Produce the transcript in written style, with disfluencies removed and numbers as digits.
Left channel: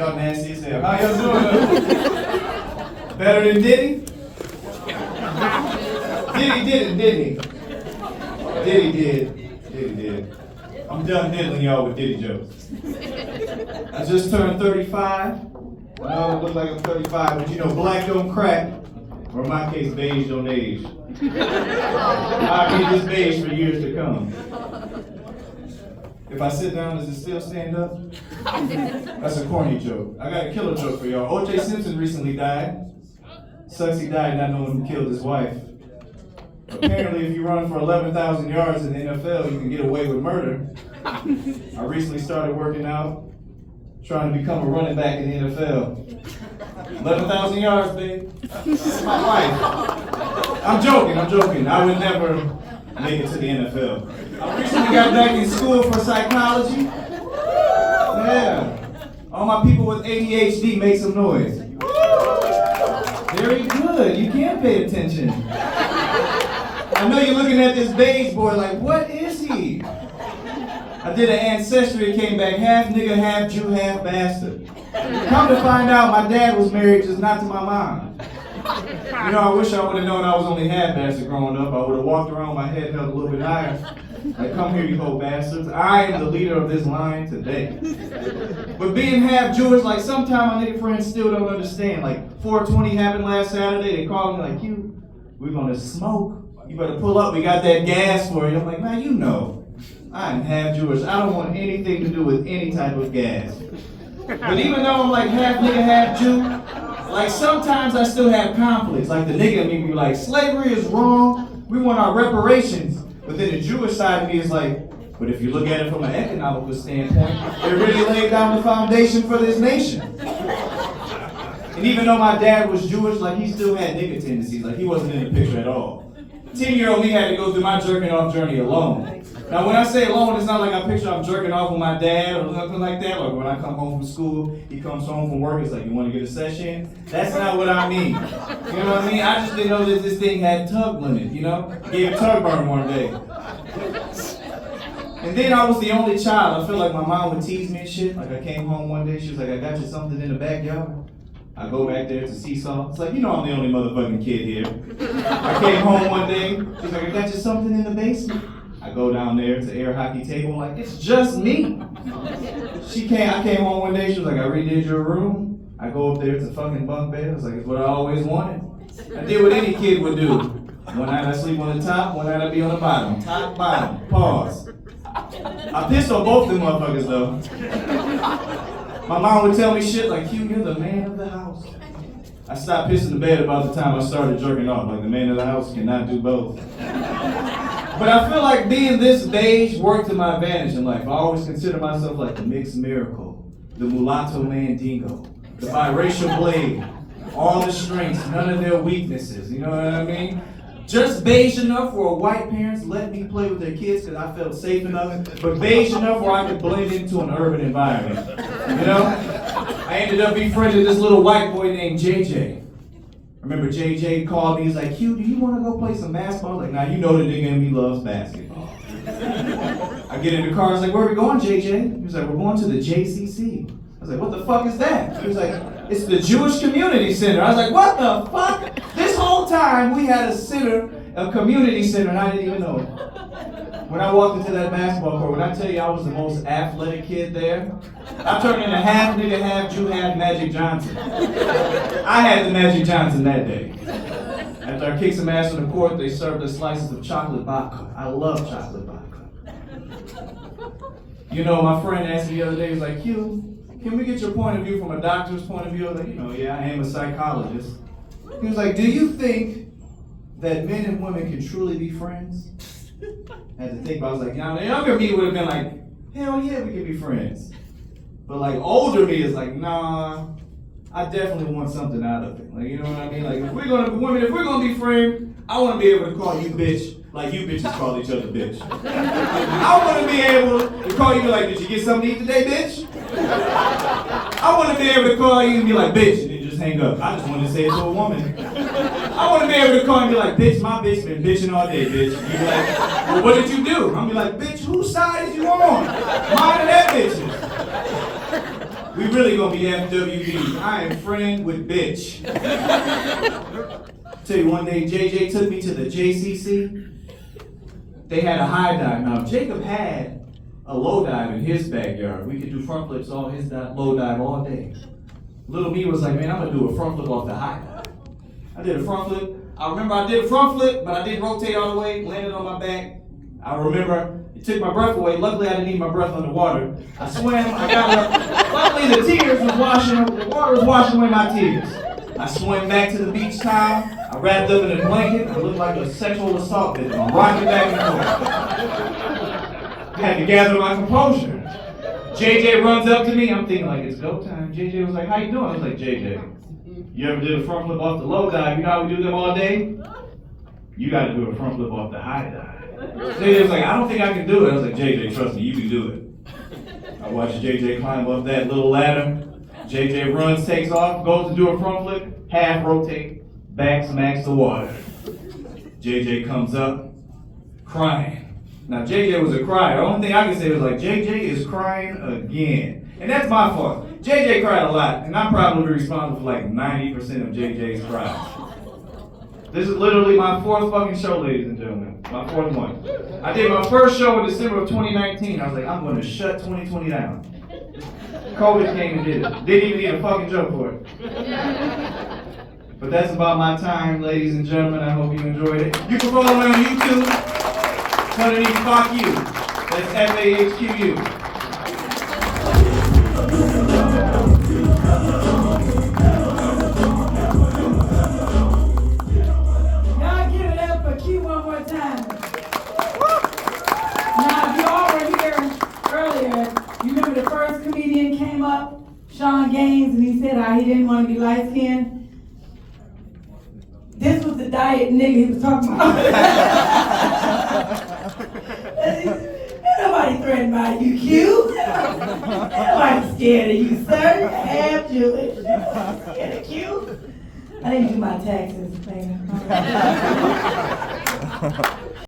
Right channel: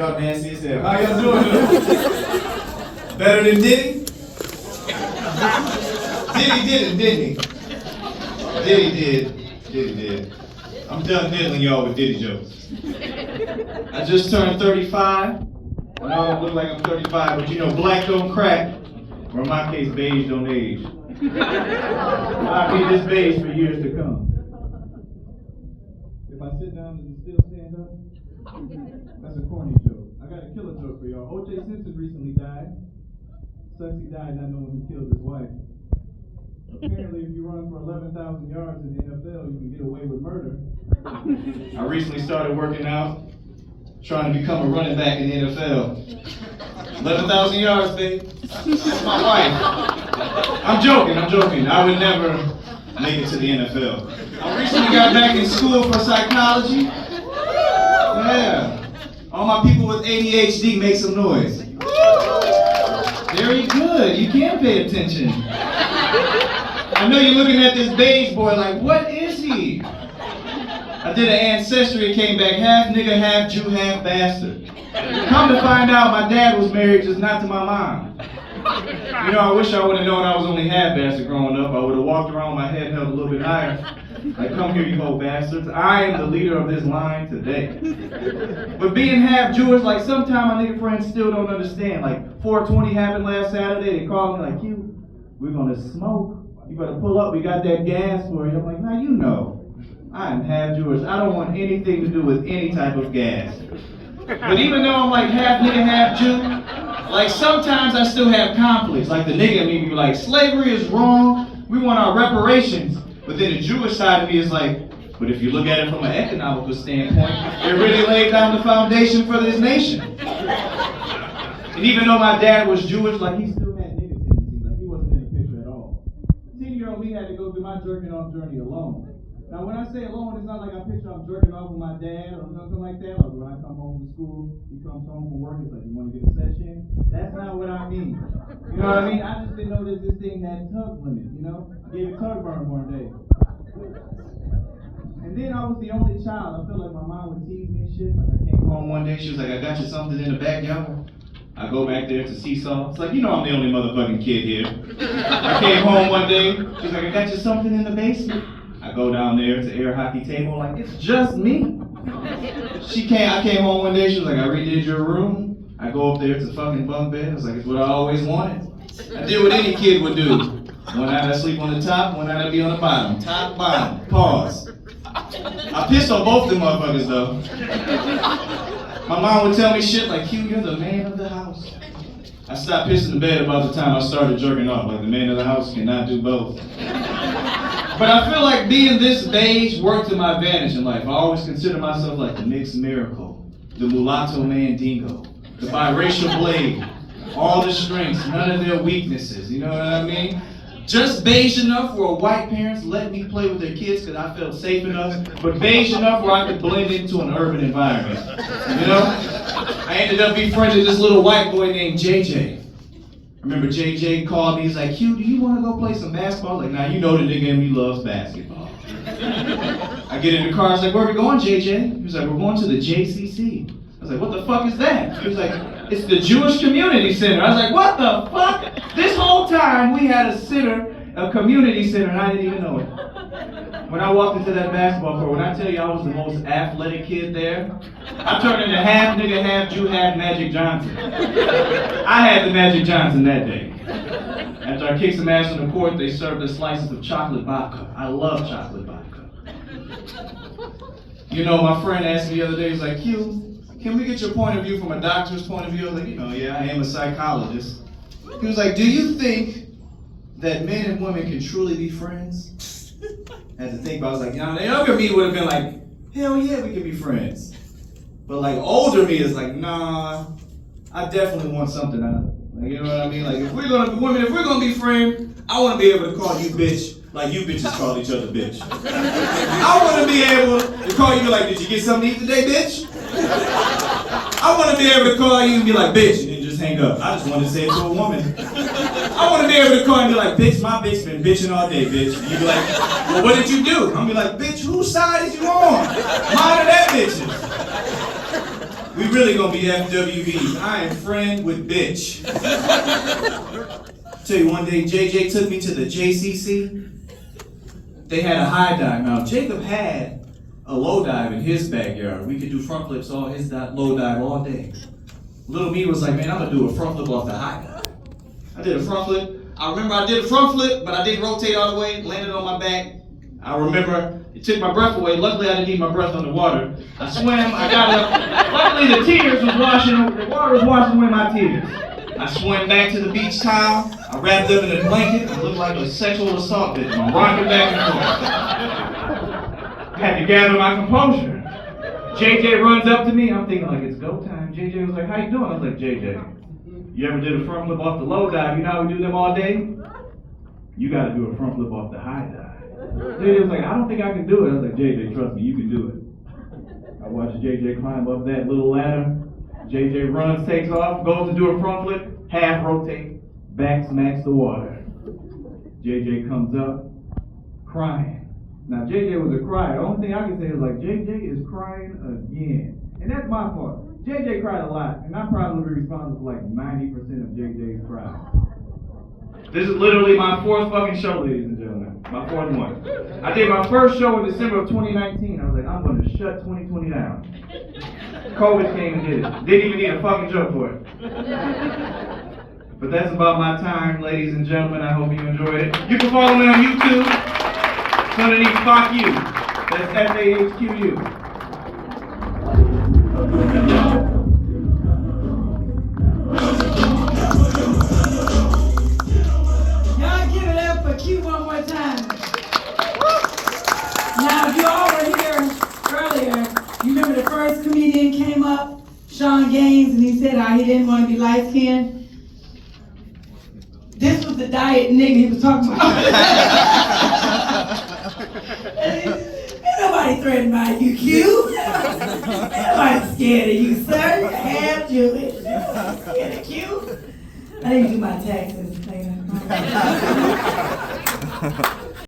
Y'all nasty as hell. How y'all doing? Better than Diddy? Diddy did it, didn't he? Diddy did. I'm done diddling y'all with Diddy jokes. I just turned 35. I don't look like I'm 35, but you know, black don't crack. Or in my case, beige don't age. I'll be this beige for years to come. If I sit down, does it still stand up? That's a corny joke. I got a killer joke for y'all. O.J. Simpson recently died. Sucks he died not knowing who killed his wife. Apparently, if you run for 11,000 yards in the NFL, you can get away with murder. I recently started working out, trying to become a running back in the NFL. 11,000 yards, babe. That's my wife. I'm joking. I would never make it to the NFL. I recently got back in school for psychology. Yeah. All my people with ADHD make some noise. Very good. You can pay attention. I know you're looking at this beige boy like, what is he? I did an ancestry, came back half nigga, half Jew, half bastard. Come to find out, my dad was married, just not to my mom. You know, I wish I would have known I was only half bastard growing up. I would have walked around with my head held a little bit higher. Like, come here, you whole bastards. I am the leader of this line today. But being half Jewish, like, sometimes my nigga friends still don't understand. Like, 420 happened last Saturday. They called me like, you, we're gonna smoke. You better pull up, we got that gas for you. I'm like, man, you know, I'm half Jewish. I don't want anything to do with any type of gas. But even though I'm like half nigga, half Jew, like sometimes I still have conflicts. Like the nigga in me be like, slavery is wrong, we want our reparations. But then the Jewish side of me is like, but if you look at it from an economical standpoint, it really laid down the foundation for this nation. And even though my dad was Jewish, like he still had nigga tendencies, like he wasn't in the picture at all. 10-year-old me had to go through my jerking off journey alone. Now when I say alone, it's not like I picture I'm jerking off with my dad or nothing like that. Like when I come home from school, he comes home from work, it's like, you want to get a session? That's not what I mean. You know what I mean? I just didn't know that this thing had tug limit, you know? Gave a tug burn one day. And then I was the only child. I feel like my mom would tease me and shit. Like I came home one day, she was like, I got you something in the backyard. I go back there to Seesaw. It's like, you know I'm the only motherfucking kid here. I came home one day, she's like, I got you something in the basement. I go down there to air hockey table, like, it's just me. I came home one day, she was like, I redid your room. I go up there, it's a fucking bunk bed. It's like, it's what I always wanted. I did what any kid would do. One night I sleep on the top, one night I be on the bottom. Top, bottom, pause. I pissed on both them motherfuckers though. My mom would tell me shit like, Q, you're the man of the house. I stopped pissing the bed about the time I started jerking off. Like, the man of the house cannot do both. But I feel like being this beige worked to my advantage in life. I always consider myself like the mixed miracle, the mulatto mandingo, the biracial blade, all the strengths, none of their weaknesses, you know what I mean? Just beige enough where white parents let me play with their kids because I felt safe enough, but beige enough where I could blend into an urban environment. You know? I ended up befriending this little white boy named JJ. I remember JJ called me, he's like, Q, do you want to go play some basketball? I was like, nah, you know the nigga in me loves basketball. I get in the car, I was like, where are we going, JJ? He was like, we're going to the JCC. I was like, what the fuck is that? He was like, it's the Jewish Community Center. I was like, what the fuck? This whole time we had a center, a community center, and I didn't even know it. When I walked into that basketball court, when I tell you I was the most athletic kid there, I turned into half nigga, half Jew, half Magic Johnson. I had the Magic Johnson that day. After I kicked some ass on the court, they served us slices of chocolate vodka. I love chocolate vodka. You know, my friend asked me the other day, he's like, Q, can we get your point of view from a doctor's point of view? I was like, you know, yeah, I am a psychologist. He was like, do you think that men and women can truly be friends? I had to think about it. I was like, the younger me would have been like, hell yeah, we can be friends. But like older me is like, nah, I definitely want something out of it. Like, you know what I mean? Like if we're gonna be women, if we're gonna be friends, I wanna be able to call you bitch like you bitches call each other bitch. I wanna be able to call you like, did you get something to eat today, bitch? I wanna be able to call you and be like, bitch, and then just hang up. I just wanna say it to a woman. I wanna be able to call and be like, bitch, my bitch been bitching all day, bitch. You be like, well, what did you do? I'm be like, bitch, whose side is you on? Mine or that bitch's? We really gonna be FWBs. I am friend with bitch. Tell you one day, JJ took me to the JCC. They had a high dive. Now, Jacob had a low dive in his backyard. We could do front flips on his low dive all day. Little me was like, man, I'm gonna do a front flip off the high dive. I did a front flip. I remember I did a front flip, but I didn't rotate all the way, landed on my back. I remember it took my breath away. Luckily, I didn't need my breath underwater. I swam, I got up. Luckily, the water was washing away my tears. I swam back to the beach towel. I wrapped up in a blanket. I looked like a sexual assault victim. I'm rocking back and forth. I had to gather my composure. JJ runs up to me. I'm thinking like, it's go time. JJ was like, how you doing? I was like, JJ, you ever did a front flip off the low dive? You know how we do them all day? You got to do a front flip off the high dive. JJ was like, I don't think I can do it. I was like, JJ, trust me, you can do it. I watched JJ climb up that little ladder. JJ runs, takes off, goes to do a front flip, half rotate, back smacks the water. JJ comes up, crying. Now, JJ was a crier. The only thing I can say was like, JJ is crying again. And that's my fault. JJ cried a lot, and I'm probably responsible for like 90% of JJ's cries. This is literally my 4th fucking show, ladies and gentlemen. My 4th one. I did my first show in December of 2019. I was like, I'm gonna shut 2020 down. COVID came and did it. Didn't even need a fucking joke for it. But that's about my time, ladies and gentlemen. I hope you enjoyed it. You can follow me on YouTube. It's underneath FahQu. That's FahQu. And he said he didn't want to be light-skinned. This was the diet nigga he was talking about. Ain't nobody threatened by you, Q. Ain't nobody scared of you, sir. You're half Jewish. Scared of Q. I didn't do my taxes, man.